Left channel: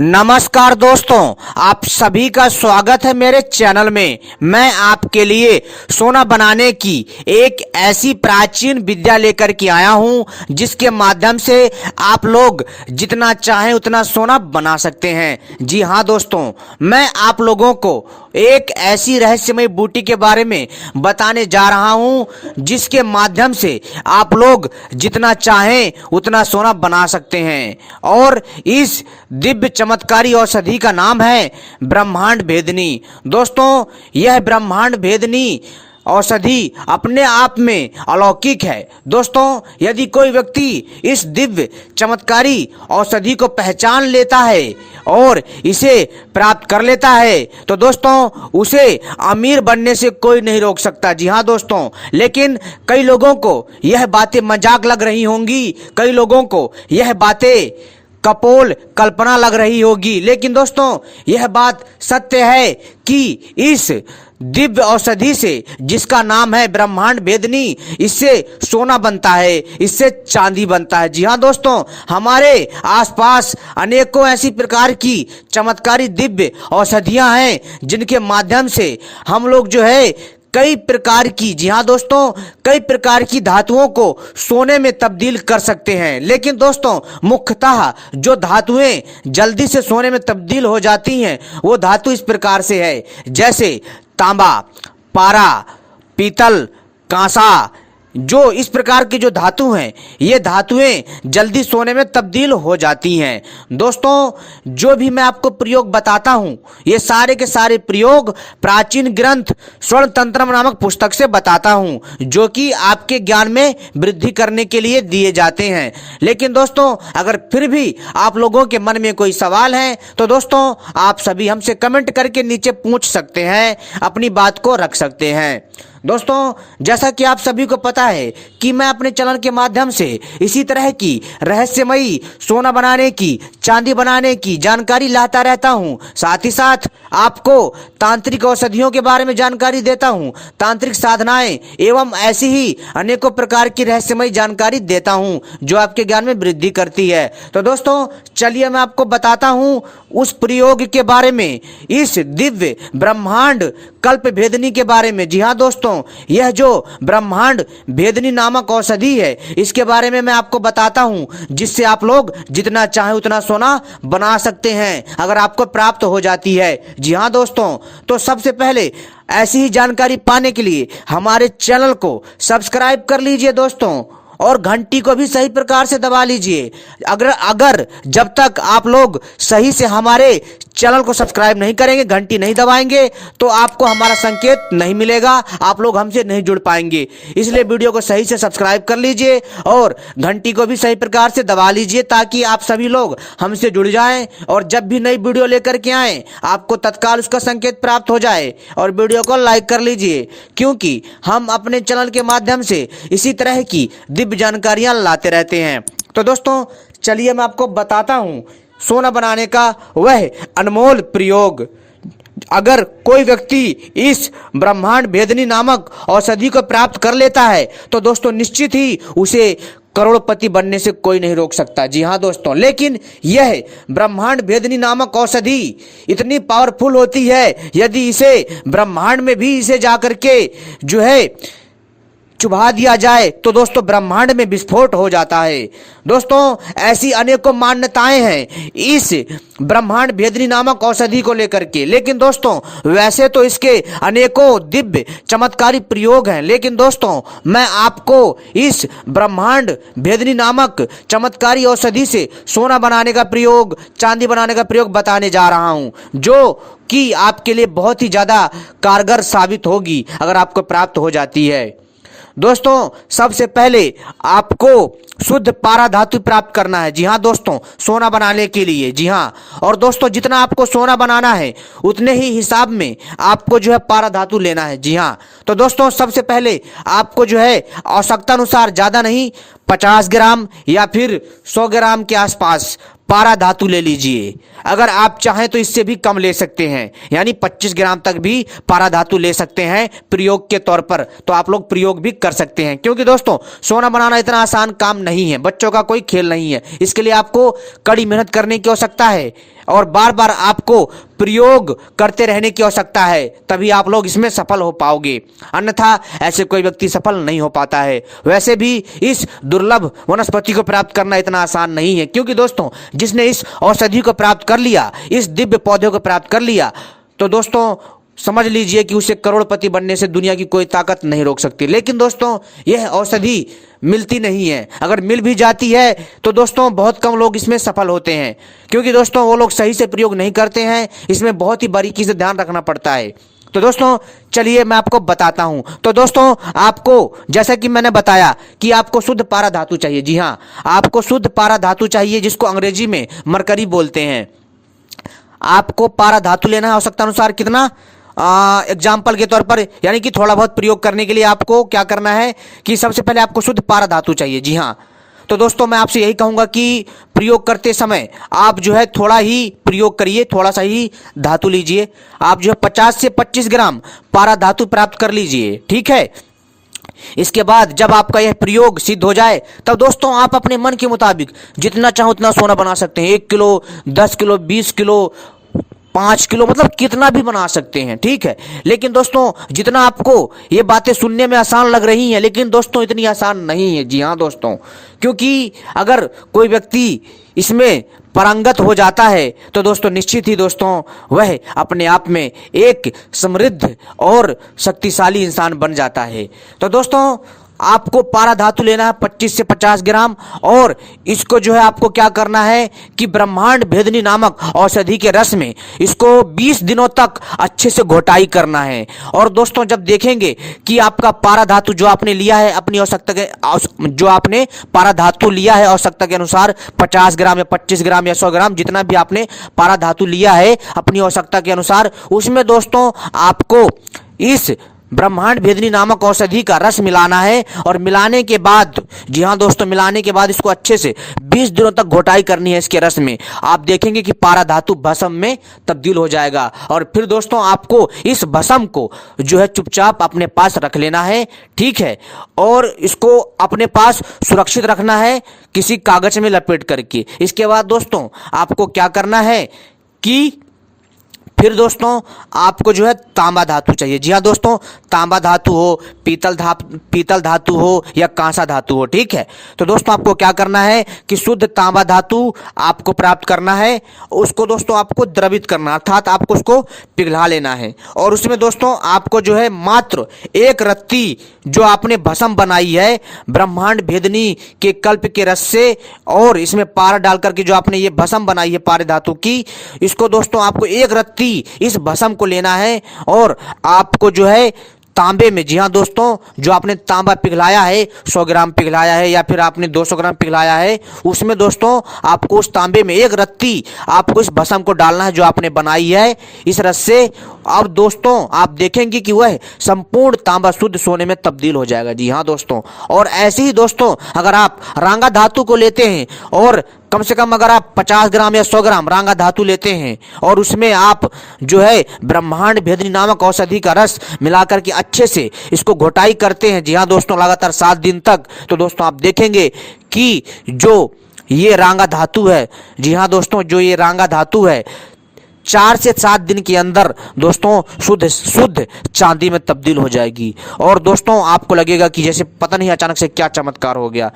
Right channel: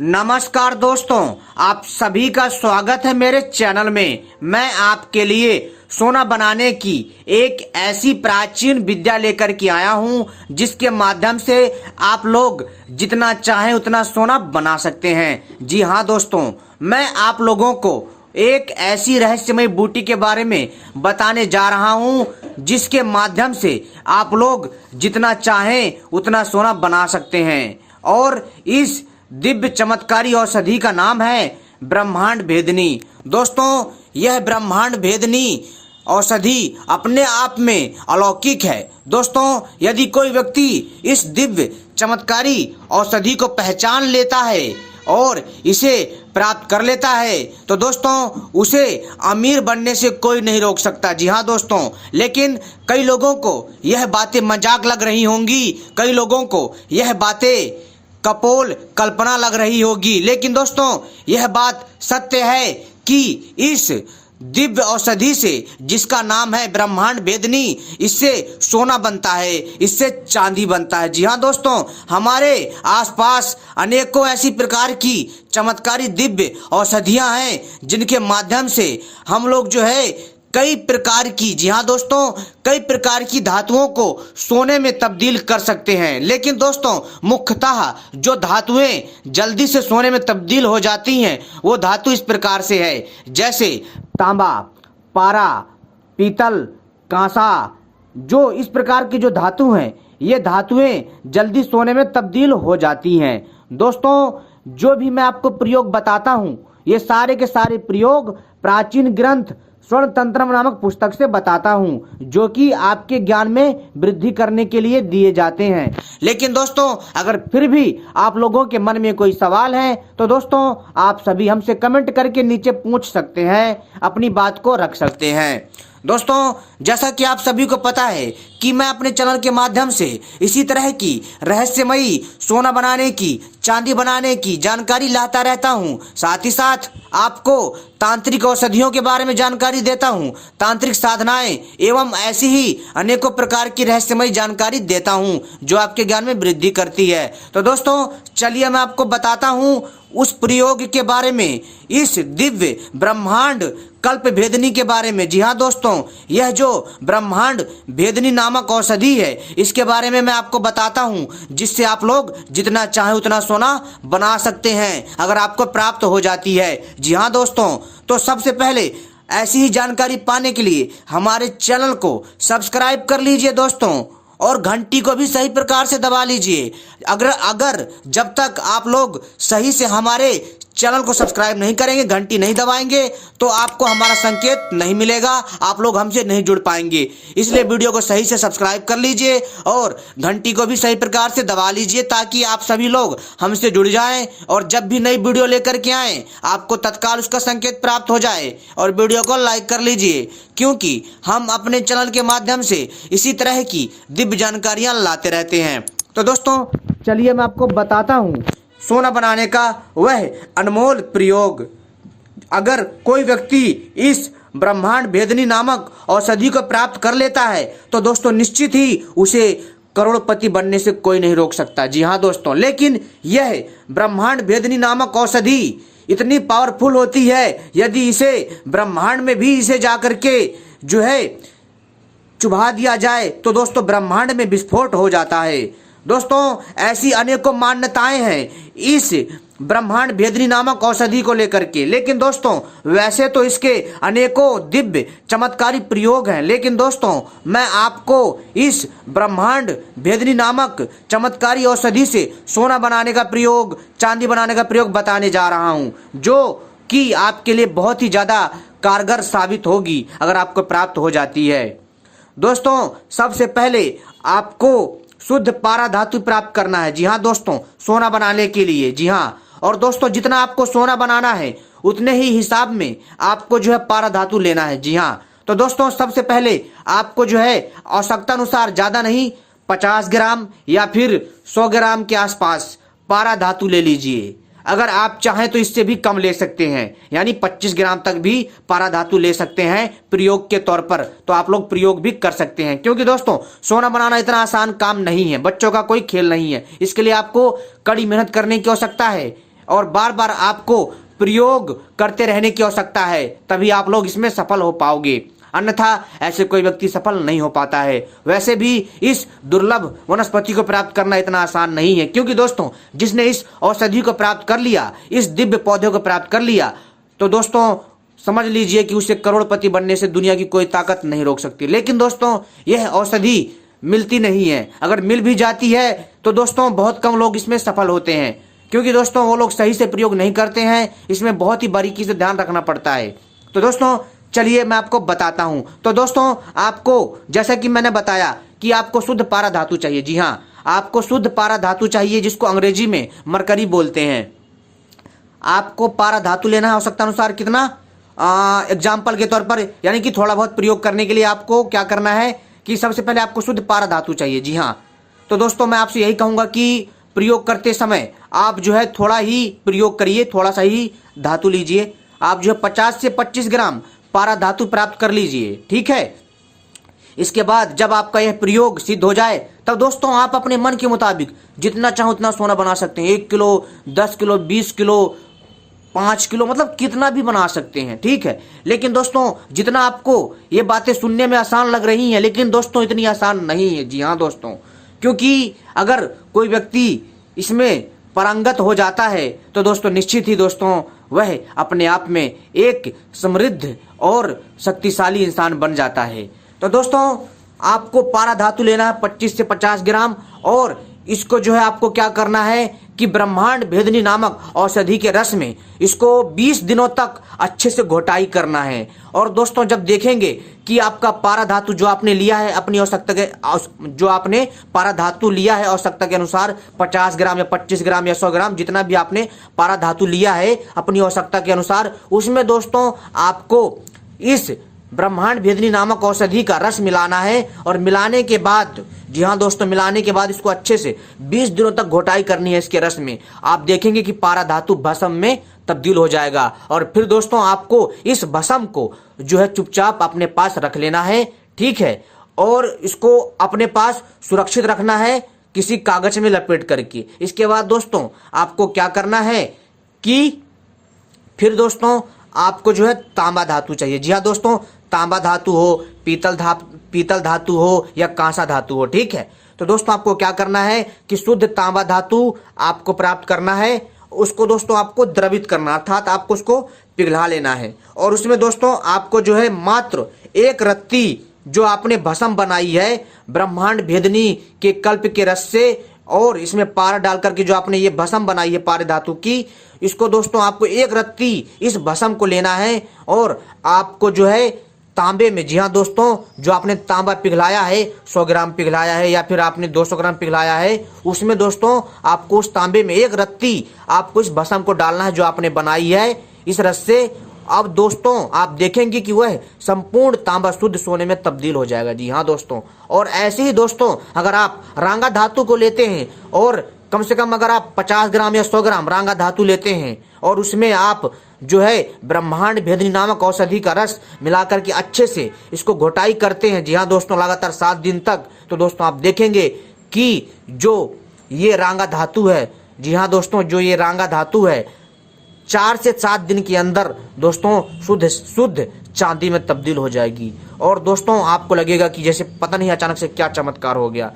नमस्कार दोस्तों, आप सभी का स्वागत है मेरे चैनल में। मैं आपके लिए सोना बनाने की एक ऐसी प्राचीन विद्या लेकर के आया हूं जिसके माध्यम से आप लोग जितना चाहें उतना सोना बना सकते हैं। जी हां दोस्तों, मैं आप लोगों को एक ऐसी रहस्यमय बूटी के बारे में बताने जा रहा हूं जिसके माध्यम से आप लोग जितना चाहें उतना सोना बना सकते हैं। और इस दिव्य चमत्कारी औषधि का नाम है ब्रह्मांड भेदनी। दोस्तों, यह ब्रह्मांड भेदनी औषधि अपने आप में अलौकिक है। दोस्तों, यदि कोई व्यक्ति इस दिव्य चमत्कारी औषधि को पहचान लेता है और इसे प्राप्त कर लेता है तो दोस्तों उसे अमीर बनने से कोई नहीं रोक सकता। जी हाँ दोस्तों, लेकिन कई लोगों को यह बातें मजाक लग रही होंगी, कई लोगों को यह बातें कपोल कल्पना लग रही होगी, लेकिन दोस्तों यह बात सत्य है कि इस दिव्य औषधि से, जिसका नाम है ब्रह्मांड भेदनी, इससे सोना बनता है, इससे चांदी बनता है। जी हाँ दोस्तों, हमारे आसपास अनेकों ऐसी प्रकार की चमत्कारी दिव्य औषधियां हैं जिनके माध्यम से हम लोग जो है कई प्रकार की, जी हाँ दोस्तों, कई प्रकार की धातुओं को सोने में तब्दील कर सकते हैं। लेकिन दोस्तों मुख्यतः जो धातुएं जल्दी से सोने में तब्दील हो जाती हैं वो धातु इस प्रकार से है, जैसे तांबा, पारा, पीतल, कांसा। जो इस प्रकार की जो धातु हैं ये धातुएं जल्दी सोने में तब्दील हो जाती हैं। दोस्तों, जो भी मैं आपको प्रयोग बताता हूं ये सारे के सारे प्रयोग प्राचीन ग्रंथ स्वर्ण तंत्र नामक पुस्तक से बताता हूं, जो कि आपके ज्ञान में वृद्धि करने के लिए दिए जाते हैं। लेकिन दोस्तों अगर फिर भी आप लोगों के मन में कोई सवाल है तो दोस्तों आप सभी हमसे कमेंट करके नीचे पूछ सकते हैं, अपनी बात को रख सकते हैं। दोस्तों, जैसा कि आप सभी को पता है कि मैं अपने चैनल के माध्यम से इसी तरह की रहस्यमयी सोना बनाने की, चांदी बनाने की जानकारी लाता रहता हूं। साथ ही साथ आपको तांत्रिक औषधियों के बारे में जानकारी देता हूं, तांत्रिक साधनाएं एवं ऐसी ही अनेकों प्रकार की रहस्यमयी जानकारी देता हूं जो आपके ज्ञान में वृद्धि करती है। तो दोस्तों चलिए मैं आपको बताता हूं उस प्रयोग के बारे में, इस दिव्य ब्रह्मांड कल्प भेदनी के बारे में। जी हाँ दोस्तों, यह जो ब्रह्मांड भेदनी नामक औषधि है इसके बारे में मैं आपको बताता हूं जिससे आप लोग जितना चाहे उतना सोना बना सकते हैं अगर आपको प्राप्त हो जाती है। जी हाँ दोस्तों, तो सबसे पहले ऐसी ही जानकारी पाने के लिए हमारे चैनल को सब्सक्राइब कर लीजिए दोस्तों, और घंटी को भी सही प्रकार से दबा लीजिए। अगर जब तक आप लोग सही से हमारे चैनल को सब्सक्राइब नहीं करेंगे, घंटी नहीं दबाएंगे, तो आपको हमारा संकेत नहीं मिलेगा, आप लोग हमसे नहीं जुड़ पाएंगे। इसलिए वीडियो को सही से सब्सक्राइब कर लीजिए और घंटी को भी सही प्रकार से दबा लीजिए ताकि आप सभी लोग हमसे जुड़ जाएं और जब भी नई वीडियो लेकर के आए आपको तत्काल उसका संकेत प्राप्त हो जाए। और वीडियो को लाइक कर लीजिए क्योंकि हम अपने चैनल के माध्यम से इसी तरह की दिव्य जानकारियां लाते रहते हैं। तो दोस्तों चलिए मैं आपको बताता हूं सोना बनाने का वह अनमोल प्रयोग। अगर कोई व्यक्ति इस ब्रह्मांड भेदनी नामक औषधि को प्राप्त कर लेता है तो दोस्तों निश्चित ही उसे करोड़पति बनने से कोई नहीं रोक सकता। जी हाँ दोस्तों, लेकिन यह ब्रह्मांड भेदनी नामक औषधि इतनी पावरफुल होती है, यदि इसे ब्रह्मांड में भी इसे जाकर के जो है चुभा दिया जाए तो दोस्तों ब्रह्मांड में विस्फोट हो जाता है। दोस्तों ऐसी अनेकों मान्यताएं हैं इस ब्रह्मांड भेदनी नामक औषधि को लेकर के, लेकिन दोस्तों वैसे तो इसके अनेकों दिव्य चमत्कारी प्रयोग हैं, लेकिन दोस्तों मैं आपको इस ब्रह्मांड भेदनी नामक चमत्कारी औषधि से सोना बनाने का प्रयोग, चांदी बनाने का प्रयोग बताने जा रहा हूं, जो कि आपके लिए बहुत ही ज्यादा कारगर साबित होगी अगर आपको प्राप्त हो जाती है। दोस्तों सबसे पहले आपको शुद्ध पारा धातु प्राप्त करना है। जी हाँ दोस्तों, सोना बनाने के लिए। जी हाँ, और दोस्तों जितना आपको सोना बनाना है उतने ही हिसाब में आपको जो है पारा धातु लेना है। जी हाँ, तो दोस्तों सबसे पहले आपको जो है आवश्यकता अनुसार, ज्यादा नहीं, 50 ग्राम या फिर 100 ग्राम के आसपास पारा धातु ले लीजिए। अगर आप चाहें तो इससे भी कम ले सकते हैं, यानी 25 ग्राम तक भी पारा धातु ले सकते हैं प्रयोग के तौर पर, तो आप लोग प्रयोग भी कर सकते हैं। क्योंकि दोस्तों सोना बनाना इतना आसान काम नहीं है, बच्चों का कोई खेल नहीं है, इसके लिए आपको कड़ी मेहनत करने की आवश्यकता है और बार बार आपको प्रयोग करते रहने की आवश्यकता है, तभी आप लोग इसमें सफल हो पाओगे, अन्यथा ऐसे कोई व्यक्ति सफल नहीं हो पाता है। वैसे भी इस दुर्लभ वनस्पति को प्राप्त करना इतना आसान नहीं है, क्योंकि दोस्तों जिसने इस औषधि को प्राप्त कर लिया, इस दिव्य पौधे को प्राप्त कर लिया, तो दोस्तों समझ लीजिए कि उसे करोड़पति बनने से दुनिया की कोई ताकत नहीं रोक सकती। लेकिन दोस्तों यह औषधि मिलती नहीं है, अगर मिल भी जाती है तो दोस्तों बहुत कम लोग इसमें सफल होते हैं, क्योंकि दोस्तों वो लोग सही से प्रयोग नहीं करते हैं। इसमें बहुत ही बारीकी से ध्यान रखना पड़ता है। तो दोस्तों चलिए मैं आपको बताता हूं। तो दोस्तों आपको जैसा कि मैंने बताया कि आपको शुद्ध पारा धातु चाहिए। जी हाँ, आपको शुद्ध पारा धातु चाहिए, जिसको अंग्रेजी में मरकरी बोलते हैं। आपको पारा धातु लेना है आवश्यकता अनुसार। कितना? एग्जाम्पल के तौर पर, यानी कि थोड़ा बहुत प्रयोग करने के लिए आपको क्या करना है कि सबसे पहले आपको शुद्ध पारा धातु चाहिए। जी हाँ, तो दोस्तों मैं आपसे यही कहूंगा कि प्रयोग करते समय आप जो है थोड़ा ही प्रयोग करिए, थोड़ा सा ही धातु लीजिए। आप जो है 50 से 25 ग्राम पारा धातु प्राप्त कर लीजिए, ठीक है। इसके बाद जब आपका यह प्रयोग सिद्ध हो जाए, तब दोस्तों आप अपने मन के मुताबिक जितना चाहो उतना सोना बना सकते हैं। 1 किलो, 10 किलो, 20 किलो, 5 किलो, मतलब कितना भी बना सकते हैं, ठीक है। लेकिन दोस्तों जितना आपको ये बातें सुनने में आसान लग रही हैं, लेकिन दोस्तों इतनी आसान नहीं है। जी हाँ दोस्तों, क्योंकि अगर कोई व्यक्ति इसमें पारंगत हो जाता है तो दोस्तों निश्चित ही दोस्तों वह अपने आप में एक समृद्ध और शक्तिशाली इंसान बन जाता है। तो दोस्तों आपको पारा धातु लेना है 25 से 50 ग्राम, और इसको जो है आपको क्या करना है कि ब्रह्मांड भेदनी नामक औषधि के रस में इसको 20 दिनों तक अच्छे से घोटाई करना है। और दोस्तों जब देखेंगे कि आपका पारा धातु जो आपने लिया है अपनी आवश्यकता के, जो आपने पारा धातु लिया है आवश्यकता के अनुसार 50 ग्राम या 25 ग्राम या 100 ग्राम, जितना भी आपने पारा धातु लिया है अपनी आवश्यकता के अनुसार, उसमें दोस्तों आपको इस ब्रह्मांड भेदनी नामक औषधि का रस मिलाना है। और मिलाने के बाद, जी हाँ दोस्तों, मिलाने के बाद इसको अच्छे से 20 दिनों तक घोटाई करनी है इसके रस में। आप देखेंगे कि पारा धातु भस्म में तब्दील हो जाएगा। और फिर दोस्तों आपको इस भस्म को जो है चुपचाप अपने पास रख लेना है, ठीक है। और इसको अपने पास सुरक्षित रखना है किसी कागज में लपेट करके। इसके बाद दोस्तों आपको क्या करना है कि फिर दोस्तों आपको जो है तांबा धातु चाहिए। जी हाँ दोस्तों, तांबा धातु हो, पीतल धातु हो या कांसा धातु हो, ठीक है। तो दोस्तों आपको क्या करना है कि शुद्ध तांबा धातु आपको प्राप्त करना है। उसको दोस्तों आपको द्रवित करना, अर्थात आपको उसको पिघला लेना है। और उसमें दोस्तों आपको जो है मात्र 1 रत्ती जो आपने भस्म बनाई है ब्रह्मांड भेदनी के कल्प के रस से, और इसमें पारा डाल करके जो आपने ये भस्म बनाई है पारे धातु की, इसको दोस्तों आपको 1 रत्ती इस भस्म को लेना है। और आपको जो है तांबे में, जी हाँ दोस्तों, जो आपने तांबा पिघलाया है, 100 ग्राम पिघलाया है या फिर आपने 200 ग्राम पिघलाया है, उसमें दोस्तों आपको उस तांबे में 1 रत्ती आपको इस भस्म को डालना है जो आपने बनाई है इस रस से। अब दोस्तों आप देखेंगे कि वह संपूर्ण तांबा शुद्ध सोने में तब्दील हो जाएगा। जी हाँ दोस्तों, और ऐसे ही दोस्तों अगर आप रांगा धातु को लेते हैं और कम से कम अगर आप 50 ग्राम या 100 ग्राम रांगा धातु लेते हैं और उसमें आप जो है ब्रह्मांड भेदनी नामक औषधि का रस मिलाकर के अच्छे से इसको घोटाई करते हैं, जी हाँ दोस्तों, लगातार 7 दिन तक, तो दोस्तों आप देखेंगे कि जो ये रांगा धातु है, जी हाँ दोस्तों, जो ये रांगा धातु है 4 से 7 दिन के अंदर दोस्तों शुद्ध चांदी में तब्दील हो जाएगी। और दोस्तों आपको लगेगा कि जैसे पता नहीं अचानक से क्या चमत्कार हो गया।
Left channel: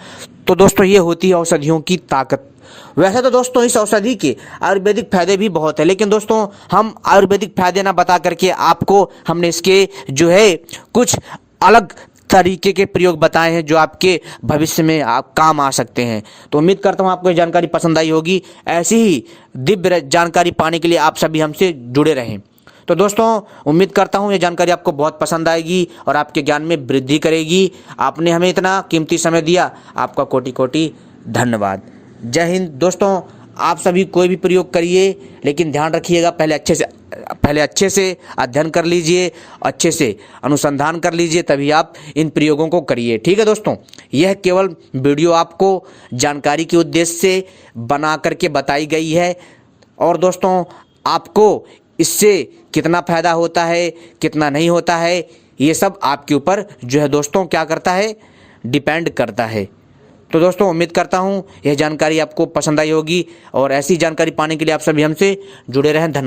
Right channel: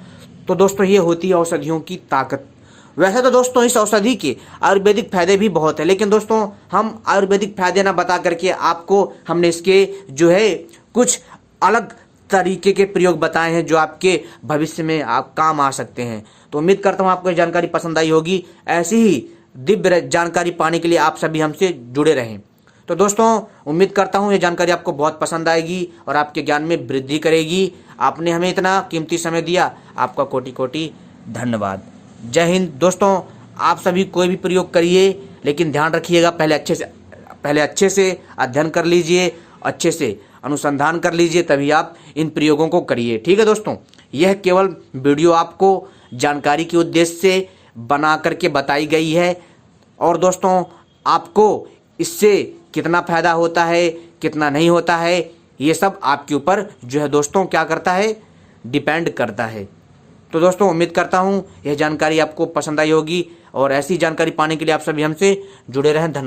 तो दोस्तों ये होती है औषधियों की ताकत। वैसे तो दोस्तों इस औषधि के आयुर्वेदिक फायदे भी बहुत है, लेकिन दोस्तों हम आयुर्वेदिक फायदे ना बता करके आपको हमने इसके जो है कुछ अलग तरीके के प्रयोग बताए हैं जो आपके भविष्य में काम आ सकते हैं। तो उम्मीद करता हूँ आपको ये जानकारी पसंद आई होगी। ऐसी ही दिव्य जानकारी पाने के लिए आप सभी हमसे जुड़े रहें। तो दोस्तों उम्मीद करता हूँ ये जानकारी आपको बहुत पसंद आएगी और आपके ज्ञान में वृद्धि करेगी। आपने हमें इतना कीमती समय दिया, आपका कोटि कोटि धन्यवाद। जय हिंद। दोस्तों आप सभी कोई भी प्रयोग करिए, लेकिन ध्यान रखिएगा पहले अच्छे से अध्ययन कर लीजिए, अच्छे से अनुसंधान कर लीजिए, तभी आप इन प्रयोगों को करिए, ठीक है दोस्तों। यह केवल वीडियो आपको जानकारी के उद्देश्य से बना करके बताई गई है। और दोस्तों आपको इससे कितना फ़ायदा होता है, कितना नहीं होता है, ये सब आपके ऊपर जो है दोस्तों क्या करता है, डिपेंड करता है। तो दोस्तों उम्मीद करता हूँ यह जानकारी आपको पसंद आई होगी और ऐसी जानकारी पाने के लिए आप सभी हमसे जुड़े रहें। धन्यवाद।